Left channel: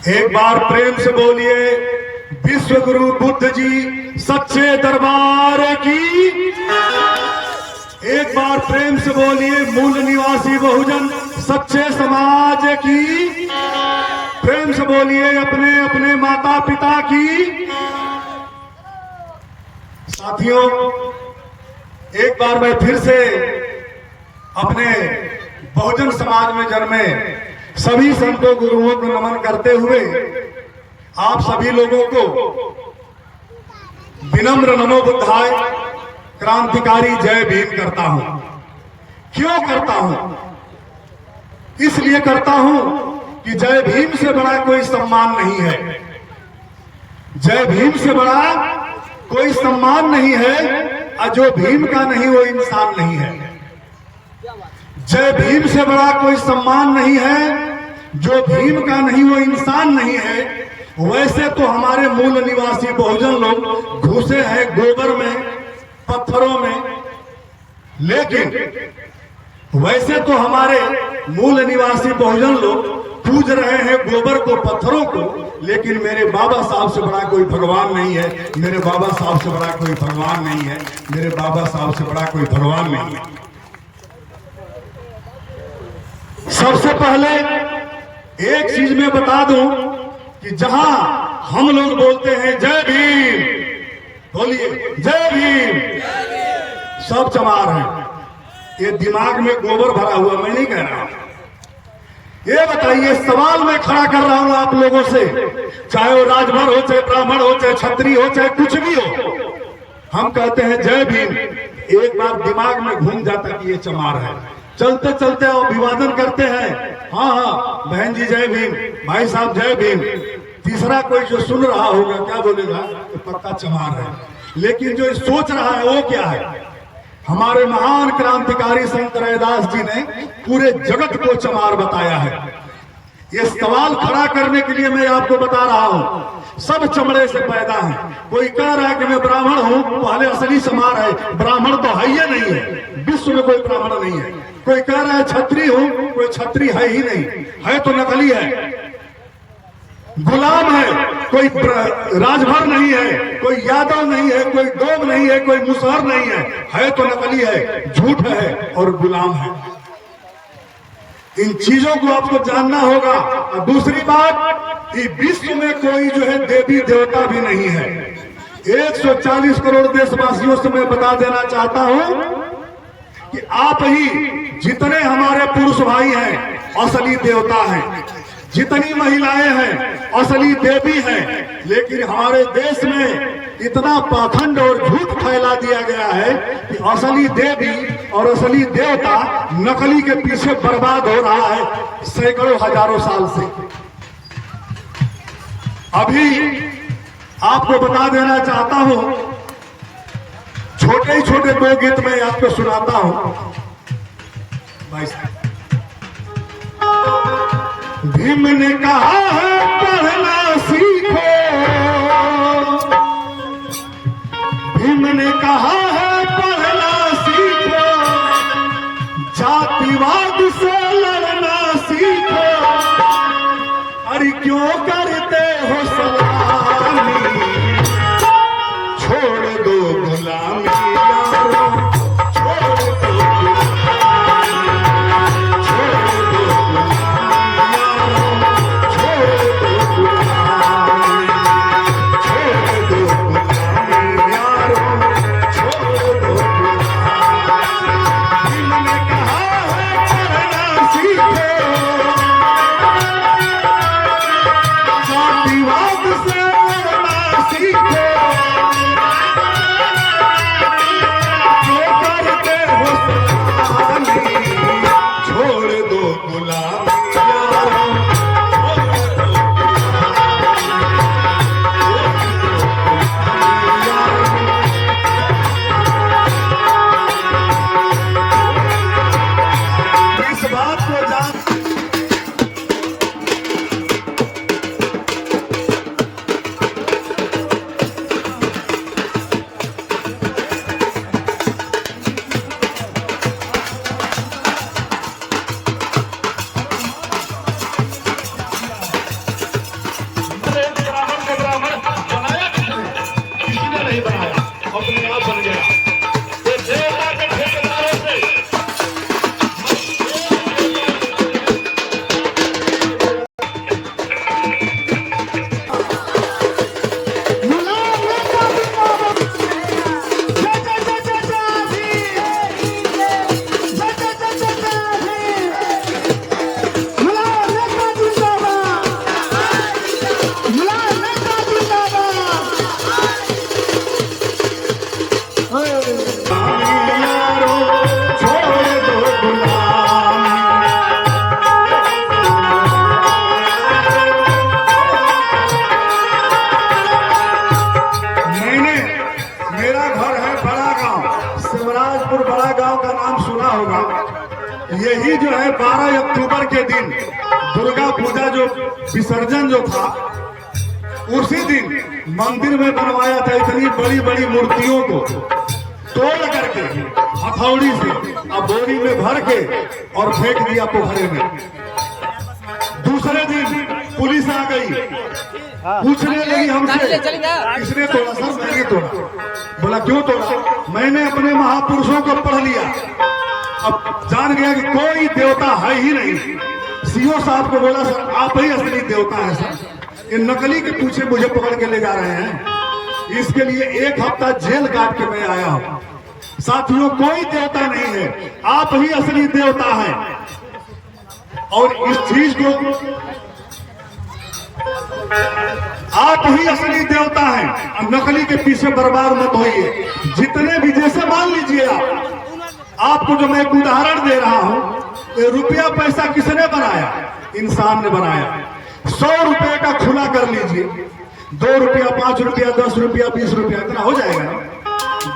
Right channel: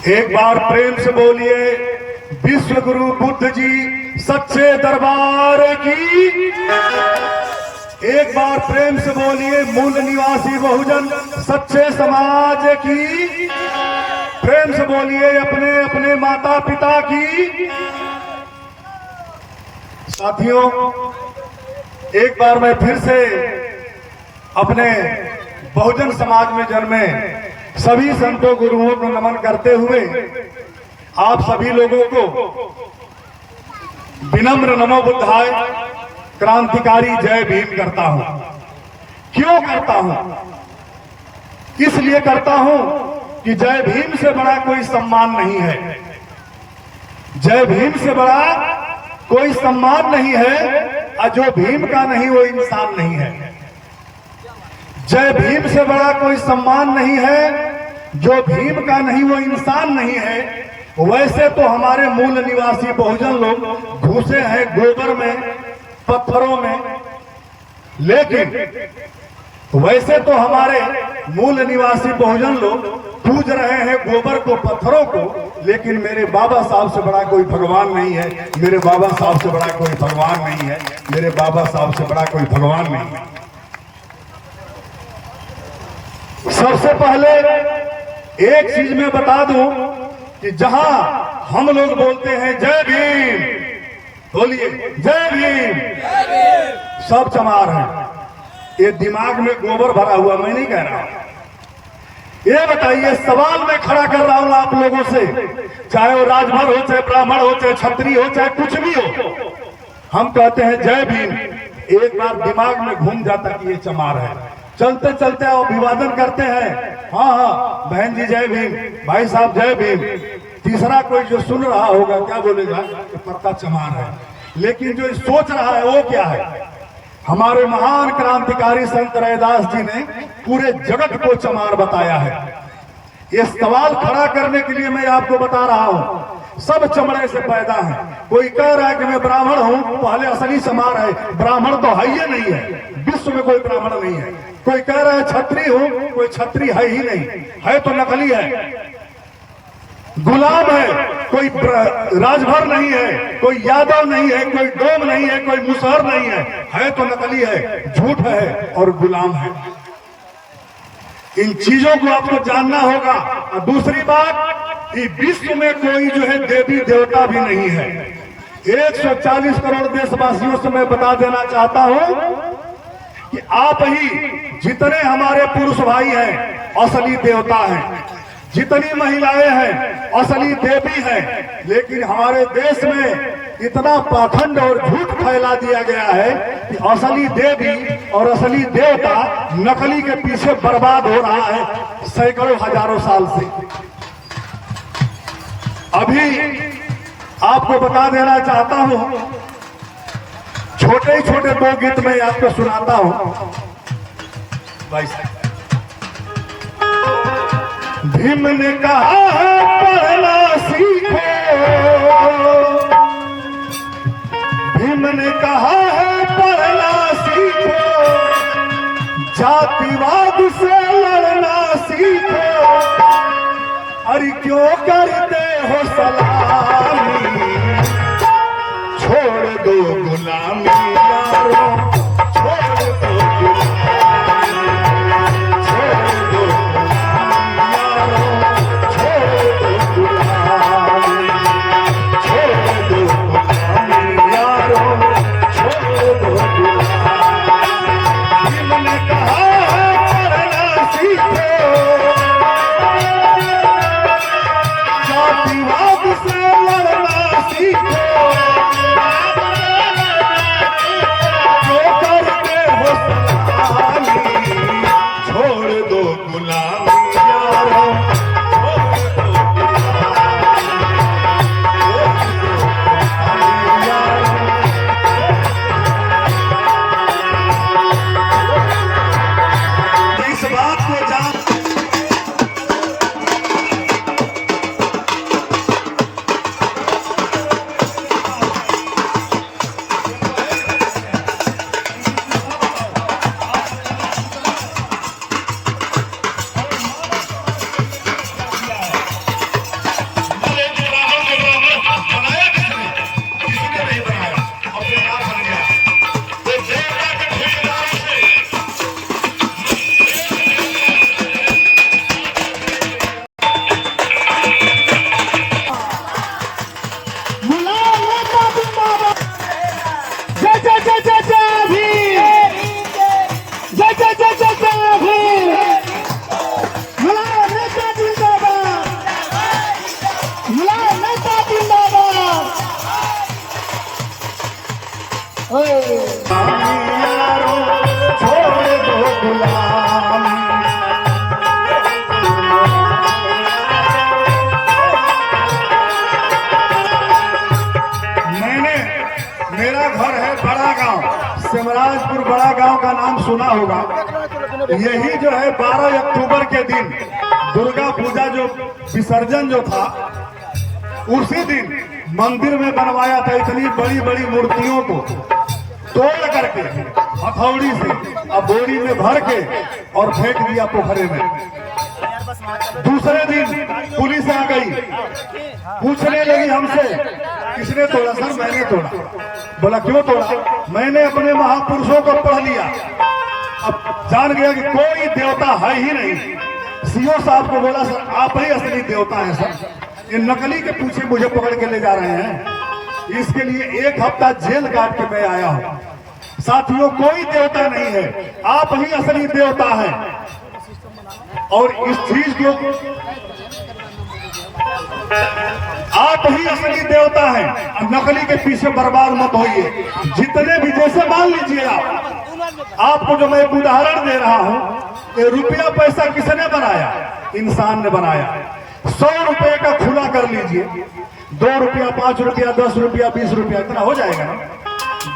एक बार प्रेम से बोलिए विश्व गुरु बुद्ध जी सच्चे दरबार की। एक बार प्रेम से बोलिए मूल निवासी बहुजन सच्चे समाज की। प्रेम से बोलिए अपने अपने माता पिता की। साथियों, एक बार मैं फिर से अपने बहुजन समाज में जन्मे सभी संतों गुरुओं को नमन करते हुए आप सभी लोगों को विनम्र नमो बुद्धाय क्रांतिकारी जय भीम करता हूं। क्यों करता हूं? इसलिए करता हूं कि जय भीम से बड़ा कोई सम्मान नहीं है। जय भीम से बड़ा कोई सम्मान नहीं है। जो भीम का नहीं वो इंसान नहीं है। जय भीम से बड़ा कोई सम्मान नहीं है। जो भीम का नहीं वो इंसान नहीं है। वैसे तो हमारे मूल निवासी बहुजन लोग घुसे हैं गोबर में, पत्थरों में, लेकिन वैसे तो हमारे मूल निवासी बहुजन लोग पूज रहे हैं गोबर को, पत्थरों को, लेकिन मेरे बाबा साहब से बड़ा कोई भगवान नहीं है। मेरे बाबा साहब से बड़ा कोई भगवान नहीं है। मेरे बाबा साहब से बड़ा कोई भगवान नहीं है। सबसे पहले एक चीज मैं बता दूं कि जहां हम लोग बोलते हैं जय भीम, बोलिए जय भीम, सब चमार हैं। ये दिमाग में गोबर भरा हुआ, मैं नहीं कह रहा। ये बताइए, सवाल मैं खड़ा कर रहा हूं आप लोगों से, चाहे वो राजभर हो, चाहे ब्राह्मण हो, चाहे क्षत्रिय हो, चाहे कुछ भी हो, हम कहते हैं जय भीम। एक बार दिमाग में घूम जाता कि ये चमार है। चलते चलते अभिवादन करते हैं, हाँ हाँ बहन जी जय भीम, भाई साहब जय भीम। तीसरा कोई जो सुन रहा होगा क्या बोलेगा? तो पक्का चमार है। लेकिन जो सोच रहा है वो क्या है? हमारे महान क्रांतिकारी संत रैदास जी ने पूरे जगत को चमार बताया है। ये सवाल खड़ा करने के लिए मैं आपको बता रहा हूं, सब चमड़े से पैदा हैं। कोई कह रहा है कि मैं ब्राह्मण हूं, पहले असली चमार है। ब्राह्मण तो है ही नहीं है, विश्व में कोई ब्राह्मण नहीं है। कोई कह रहा है छत्री हूं, कोई छत्री है ही नहीं, है तो नकली है, गुलाम है। कोई राजभर नहीं है, कोई यादव नहीं है, कोई डोम नहीं है, कोई मुसहर नहीं है तो नकली है, झूठ है और गुलाम है। इन चीजों को आपको जानना होगा। और दूसरी बात, कि विश्व में कोई जो है देवी देवता भी नहीं है। 140 करोड़ देशवासियों से मैं बता देना चाहता हूं कि आप ही जितने हमारे पुरुष भाई हैं असली देवता हैं, जितनी महिलाएं हैं असली देवी हैं। लेकिन हमारे देश में इतना पाखंड और झूठ फैला दिया गया है कि असली देवी और असली देवता नकली के पीछे बर्बाद हो रहा है सैकड़ों हजारों साल से। अभी आपको बता देना चाहता हूं, छोटे ही छोटे दो गीत में आपको सुनाता हूं। भाई साहब, भीम ने कहा है पढ़ना सीखो, भीम ने कहा है पढ़ना सीखो, जातिवाद से लड़ना सीखो। अरे क्यों करते हो सलामी, छोड़ दो गुलामी यारो, छोड़ दो गुलामी, छोड़ दो गुलामी यारो, छोड़ दो गुलामी, छोड़ दो गुलामी यारो, छोड़ यही जो है 12 अक्टूबर के दिन दुर्गा पूजा जो विसर्जन जो था, उसी दिन मंदिर में बनवाया था इतनी बड़ी बड़ी मूर्तियों को तोड़ करके हथौड़ी से अब बोरी में भर के और फेंक दिया पोखरे में। दूसरे दिन पुलिस आ गई, पूछने लगी हमसे किसने तोड़ा? सर मैंने तोड़ा। बोला क्यों तोड़ा? मैंने अपने महापुरुषों को पढ़ लिया, अब जान गया कि कोई देवता है ही नहीं। सीओ साहब को बोला सर आप ही असली देवता है सर, ये नकली के पीछे मुझे पकड़ के ले जा रहे हैं। इसके लिए 1 हफ्ता जेल काट के मैं आया हूं। साथियों कोई देवता नहीं है, आप ही असली देवता हैं। और इस चीज को आप ही असली देवता हैं, नकली के पीछे बर्बाद मत होइए। जितने भी, जैसे मान लीजिए आपको जो मैं उदाहरण दे रहा हूं, रुपया पैसा किसने बनाया? इंसान ने बनाया। 100 रुपए का खुला कर लीजिए, 2 रुपया, 5 रुपया, 10 रुपया, 20 रुपया, इतना हो जाएगा ना।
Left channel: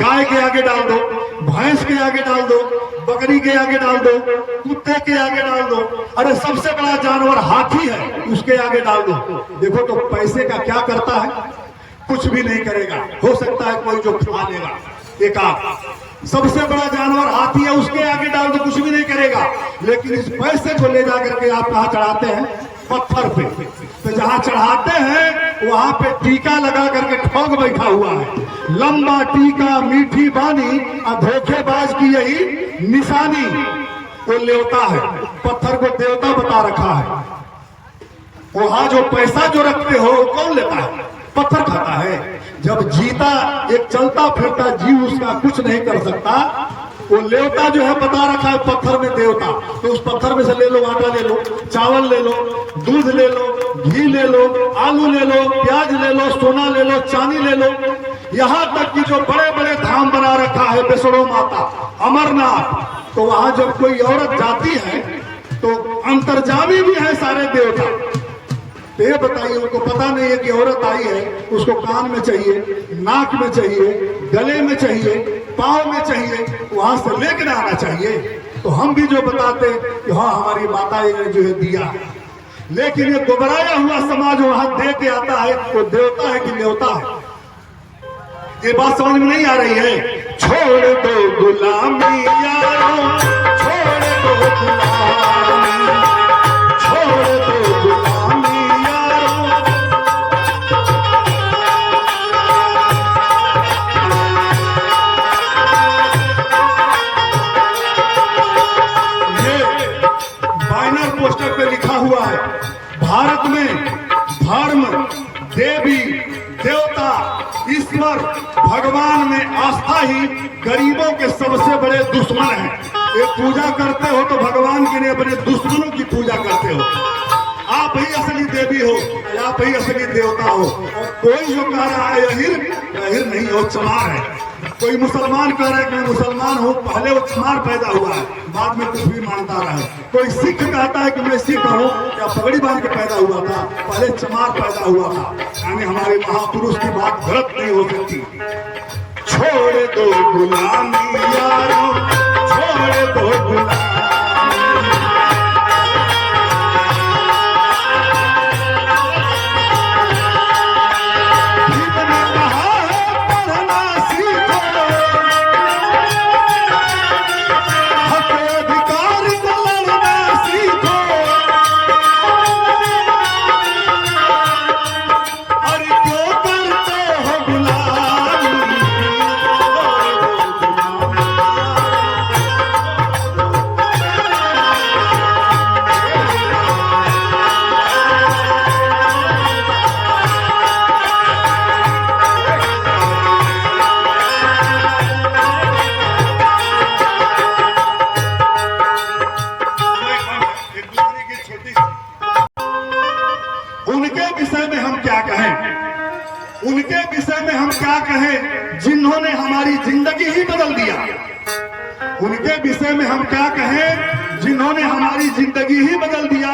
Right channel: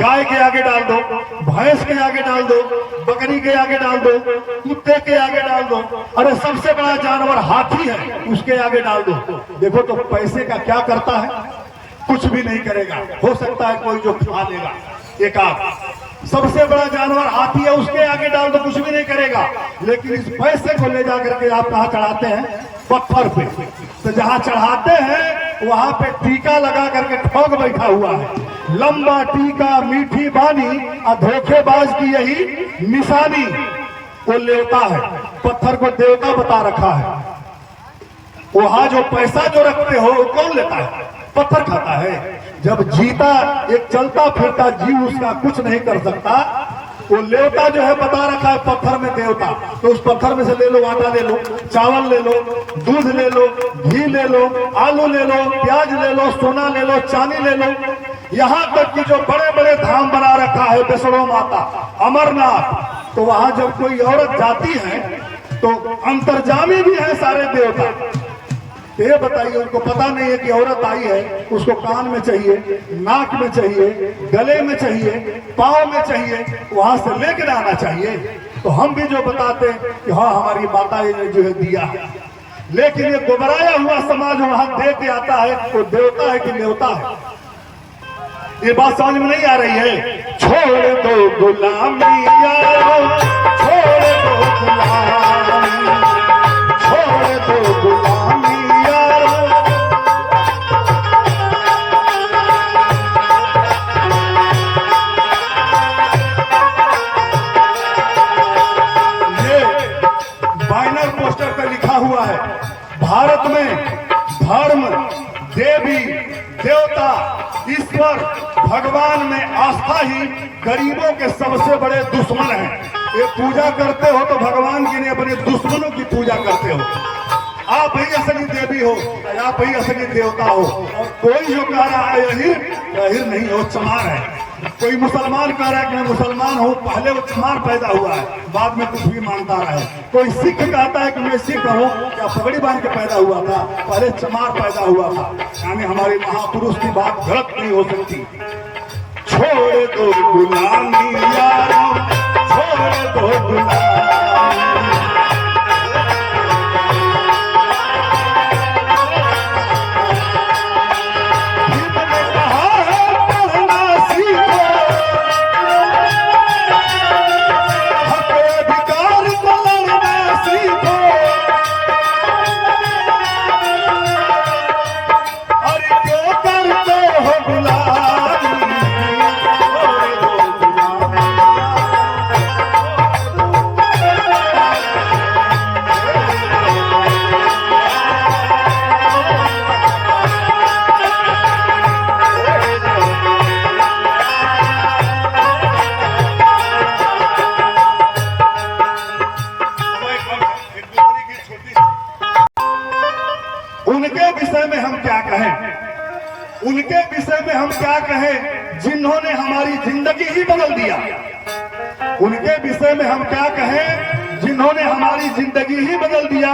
गाय के आगे डाल दो, भैंस के आगे डाल दो, बकरी के आगे डाल दो, कुत्ते के आगे डाल दो, अरे सबसे बड़ा जानवर हाथी है, उसके आगे डाल दो। देखो तो पैसे का क्या करता है? कुछ भी नहीं करेगा। हो सकता है कोई जो खा लेगा एक आध। सबसे बड़ा जानवर हाथी है, उसके आगे डाल दो, कुछ भी नहीं करेगा। लेकिन इस पैसे को ले जाकर के आप कहाँ चढ़ाते हैं? पत्थर पे। तो जहाँ चढ़ाते हैं वहां पे टीका लगा करके ठग बैठा हुआ है। लंबा टीका, मीठी बानी, धोखेबाज की यही निशानी। वो लेवता है, पत्थर को देवता बता रखा है। वहां जो पैसा जो रखते हो वो कौन लेता है? पत्थर खाता है। जब जीता एक चलता फिरता जीव उसका कुछ नहीं कर सकता, वो लेवता जो है बता रखा है पत्थर में देवता। तो उस पत्थर में से ले लो, आटा ले लो, चावल ले लो, दूध ले लो, घी ले लो, आलू ले लो, प्याज ले लो, सोना ले लो, चांदी ले लो। यहाँ तक कि जो बड़े बड़े धाम बना रखा है, वैष्णो माता, अमरनाथ, तो वहां जब कोई औरत जाती है तो अंतर्जामी भी है सारे देवता। तो ये बताइए, उनको पता नहीं है कि औरत आई है, उसको कान में चाहिए, नाक में चाहिए, गले में चाहिए, पाँव में चाहिए, वहां से लेकर आना चाहिए। तो हम भी जो बताते हैं कि हाँ हमारी माता ने जो है दिया है, लेकिन ये गुबराया हुआ समाज वहां दे के आता है, वो देवता है कि न्योता है? ये बात समझ में नहीं आ रही है। छोड़ दो गुलामी यारो, छोड़ दो गुलामी, छोड़ दो गुलामी यारो। ये बैनर पोस्टर पे लिखा हुआ है, भारत में धर्म, देवी देवता, ईश्वर, भगवान में आस्था ही गरीबों के सबसे बड़े दुश्मन हैं। ये पूजा करते हो तो भगवान की नहीं, अपने दुश्मनों की पूजा करते हो। आप ही असली देवी हो, आप ही असली देवता हो। और कोई जो कह रहा है अहिर नहीं हो, चमार है। कोई मुसलमान कह रहा है कि मैं मुसलमान हूँ, पहले वो चमार पैदा हुआ है, बाद में कुछ भी मानता रहे। कोई सिख कहता है कि मैं सिख हूँ, क्या पगड़ी बांध के पैदा हुआ था? पहले चमार पैदा हुआ था। यानी हमारे महापुरुष की बात गलत नहीं हो सकती। छोड़ दो गुलामी यारो, छोड़ दो गुलामी। उनके विषय में हम क्या कहें? उनके विषय में हम क्या कहें जिन्होंने हमारी जिंदगी ही बदल दिया? उनके विषय में हम क्या कहें जिन्होंने हमारी जिंदगी ही बदल दिया?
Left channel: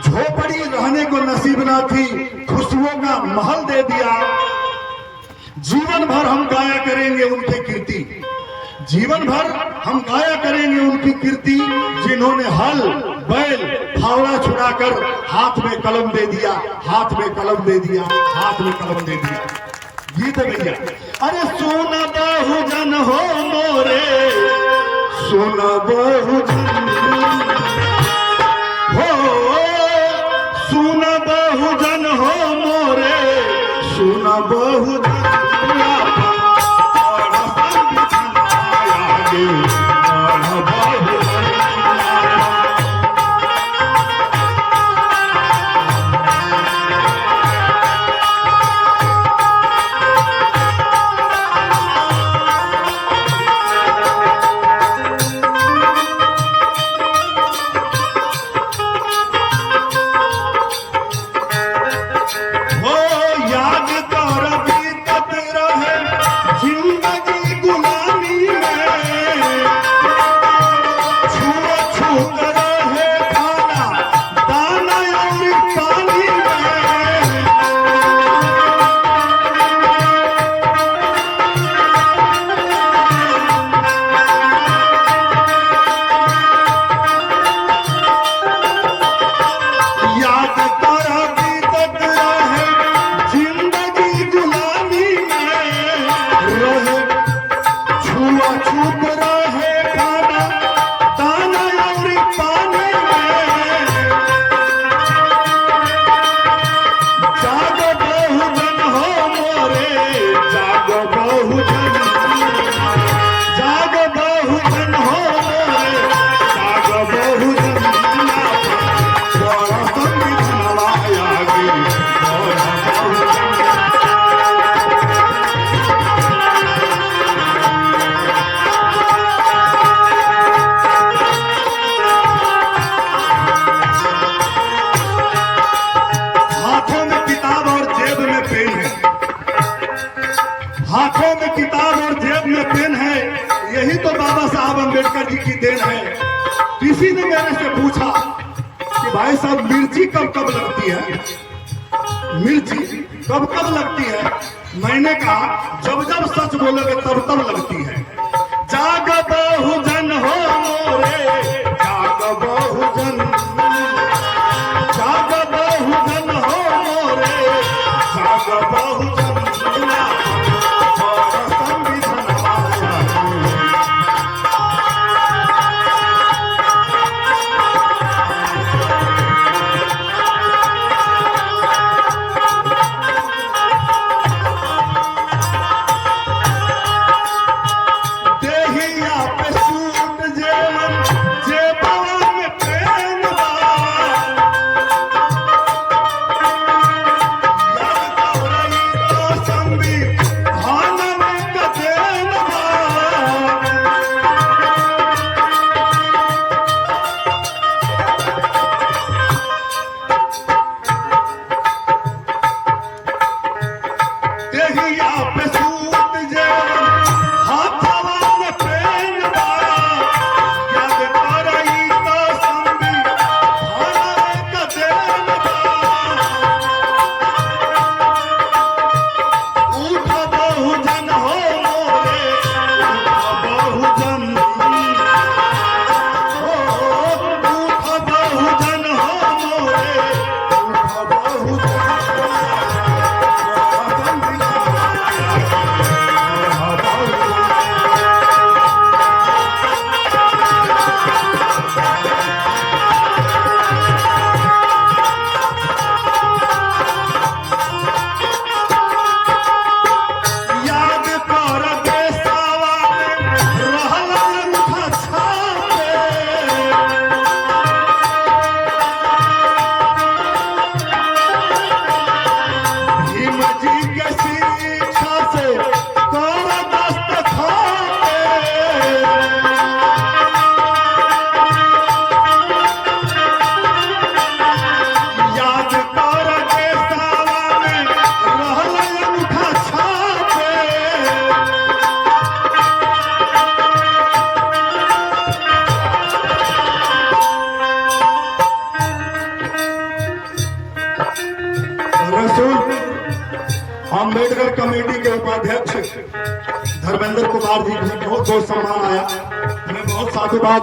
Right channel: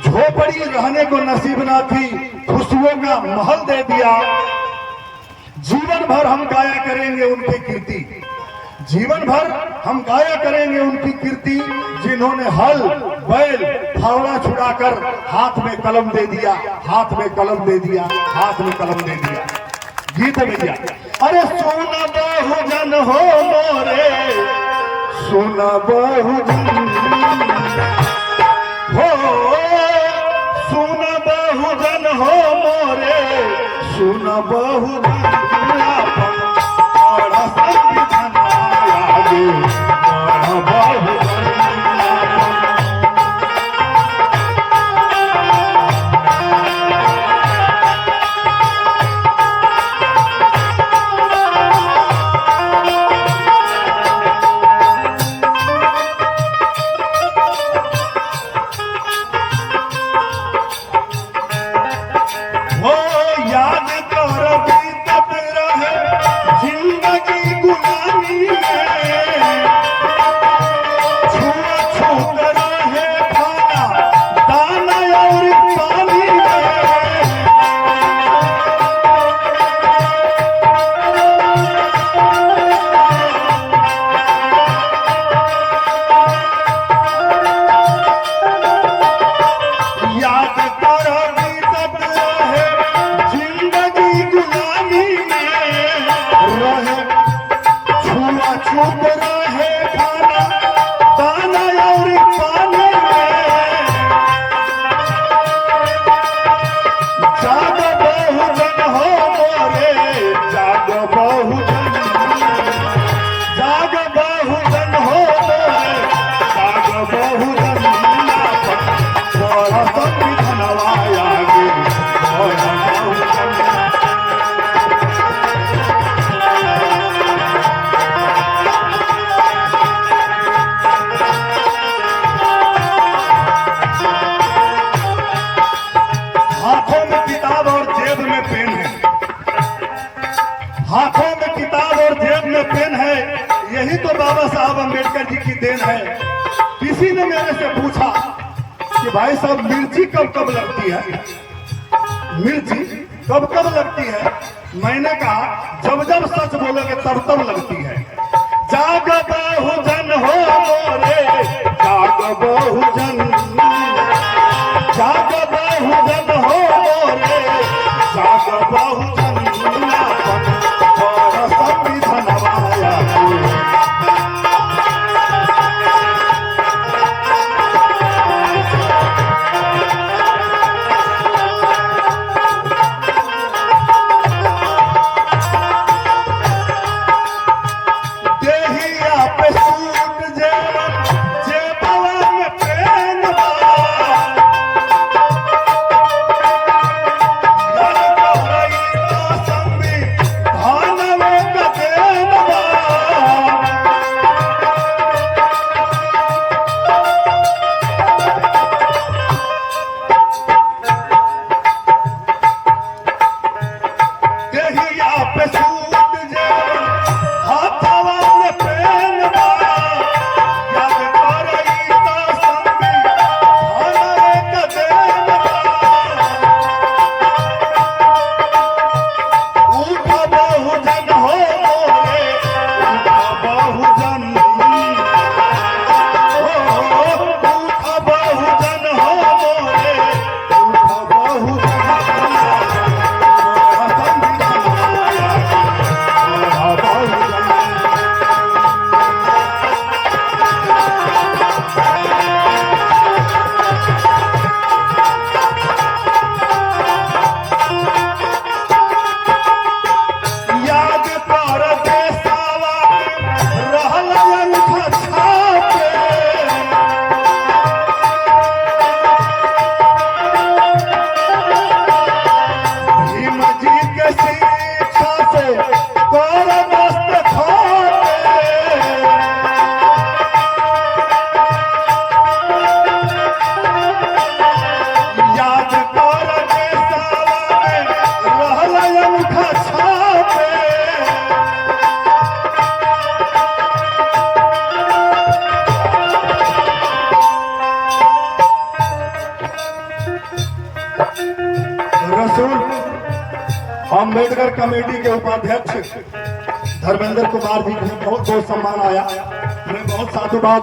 झोपड़ी रहने को नसीब ना थी, खुशियों का महल दे दिया। जीवन भर हम गाया करेंगे उनकी कीर्ति, जीवन भर हम गाया करेंगे उनकी कीर्ति, जिन्होंने हल बैल फावड़ा छुड़ाकर हाथ में कलम दे दिया, हाथ में कलम दे दिया, हाथ में कलम दे दिया। गीत भैया, अरे सोना बहुजन हो मोरे, सोना बहुजन हो, सोना बहुजन हो मोरे, सोना बहुजन अम्बेडकर जी की देन है। किसी ने मेरे से पूछा कि भाई साहब मिर्ची कब कब लगती है, मिर्ची कब कब लगती है? मैंने कहा जब जब सच बोलोगे तब तब लगती है। जाग बहुजन हो मोरे, जाग बहुजन, जाग बहुजन हो मोरे, जाग बहुजन, अम्बेडकर कमेटी के उपाध्यक्ष धर्मेंद्र कुमार जी भी बहुत बहुत सम्मान आया। मैं बहुत साधुवाद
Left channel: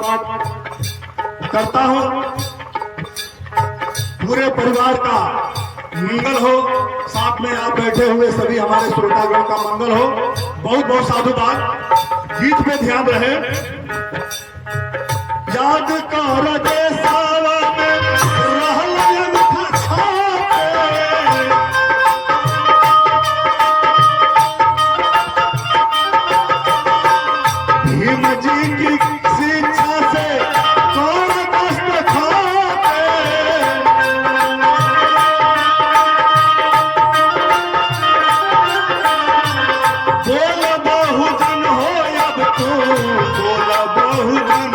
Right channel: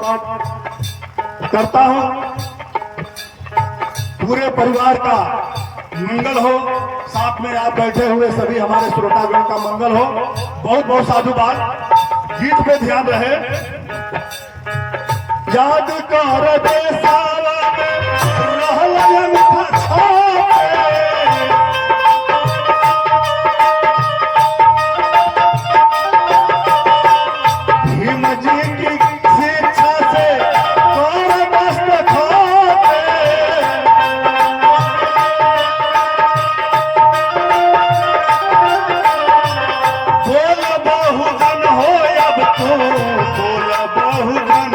करता हूं। पूरे परिवार का मंगल हो, साथ में आप बैठे हुए सभी हमारे श्रोतागण का मंगल हो। बहुत बहुत साधुवाद। गीत पे ध्यान रहे। याद कर देसावत रहल अंगूठा छापे, भीम जी की शिक्षा से कर मस्त छापे, बोल बहुजन हो अब तो, बोल बहुजन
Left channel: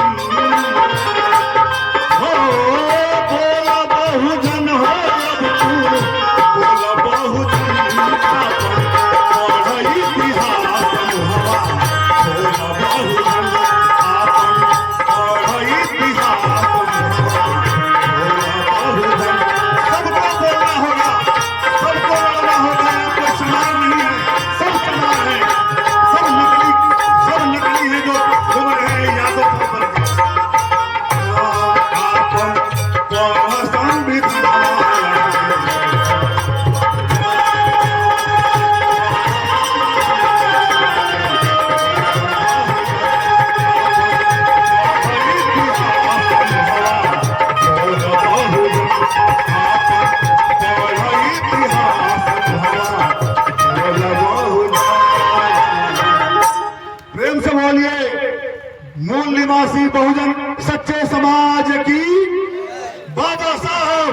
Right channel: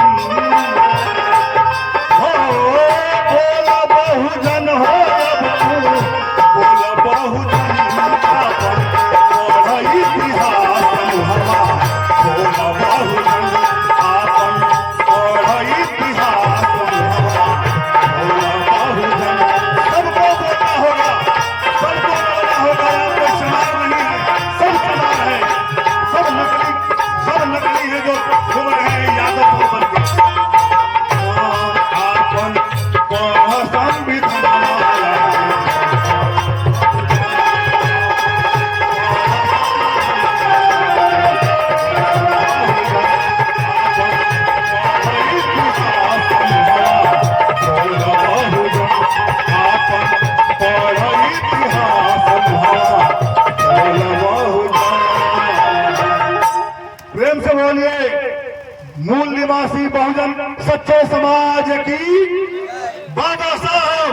हो, बोल बहुजन हो अब तू, बोल बहुजन पढ़ इतिहास हवा, बोल बहुजन आपन पढ़ इतिहास हवा, बोल बहुजन। सबको बोलना होगा, सबको बोलना होगा। कोई समान नहीं है, सब समान है। सब नकली है जो लोग हैं यादव पर के। आपन पढ़ संविधान, प्रेम से बोलिए मूल निवासी बहुजन सच्चे समाज की बाबा साहब